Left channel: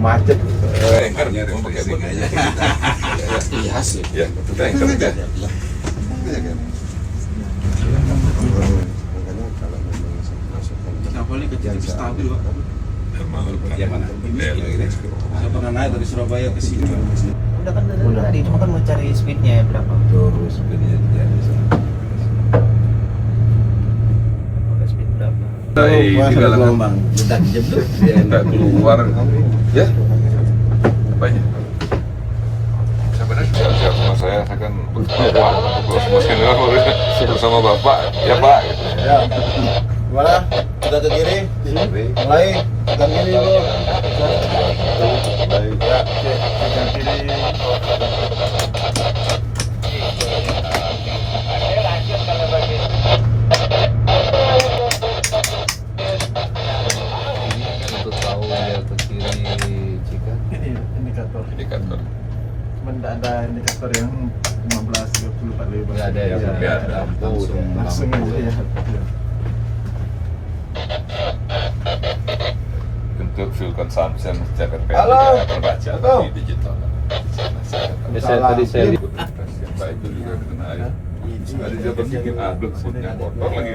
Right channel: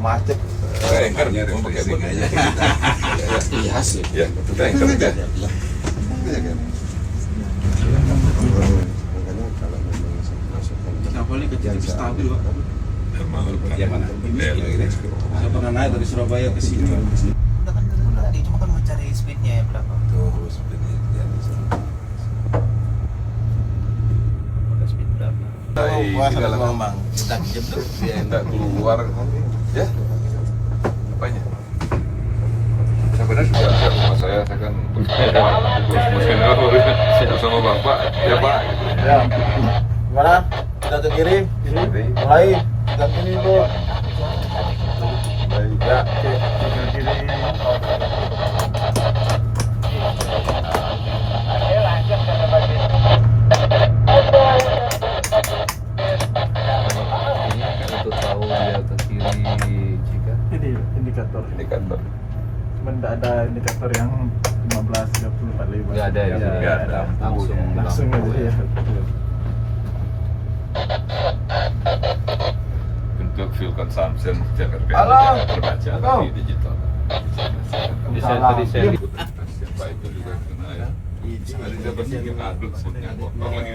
macet. Anchor mau pakai ini aja. Iya sih. Ya, kita anchor aja. Iya kan. Makanya kalau memang masukkan Kapal ini kecil stabil, Pak. Emang Ya mana? Saya pernah naik dari Surabaya ke sini. Udah kan dari tadi, cuma kan mau cari speednya berapa. tuh sebenarnya jadi. Pakai speed berapa? Di galangan bang. Udah jeblut. dia enggak keluar. Ya. Apanya? Sebenarnya sudah saya kan bersama Bapak. Ya, Pak. Gimana? Kita ke kiri. Mulai. Ke kiri dulu. Baik. Ke kiri. Untuk tahu dia ke kiri jika Ini indikator. Indikator. Cuman tidak ada indikator yang 15, 30, 45. nggak ada ya, Iya, nggak ada. langsung aja ya. Untuk fuel consumption secara terbaca di digital. tadi saya lihat Yang baik itu juga kena air. Tadi dia berpikir aduk foodnya kotor lagi.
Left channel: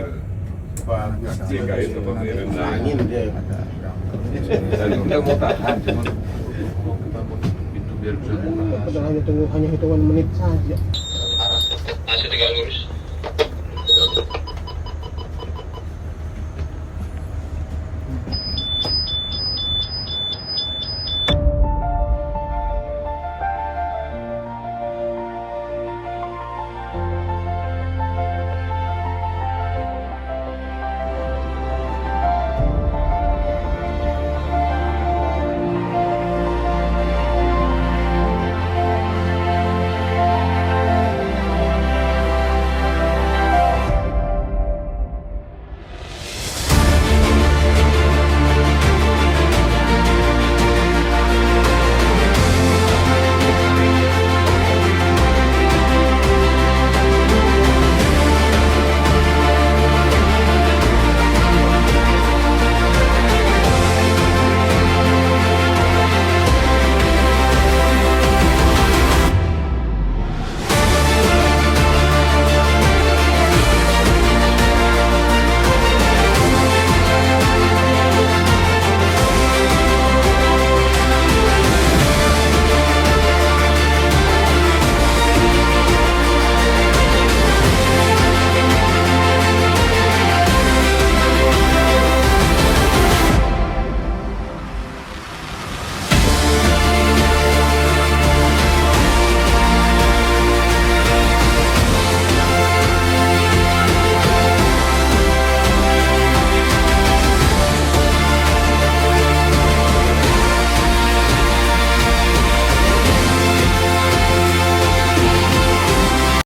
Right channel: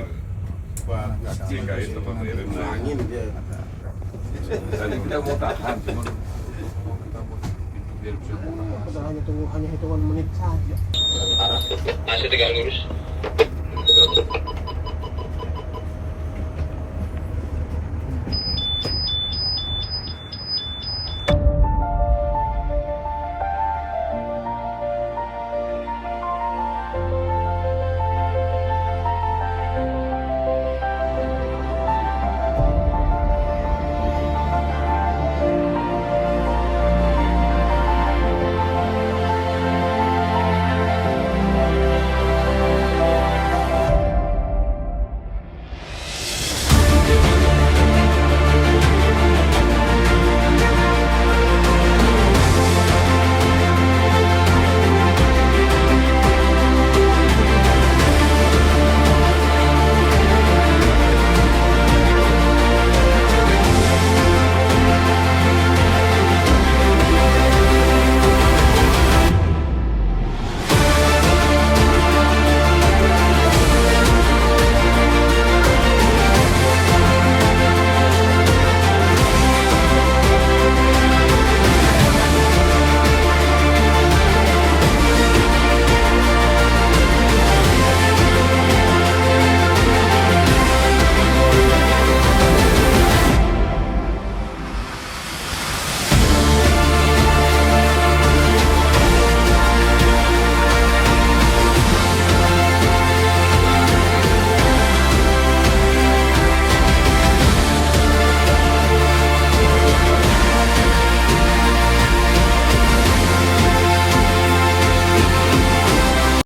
Jika itu pengirim Angin dia. tadi kita mau tahan cuma kita mau pintu biar bisa buka. Hanya tunggu hanya hitungan menit saja. Masih 3 lurus.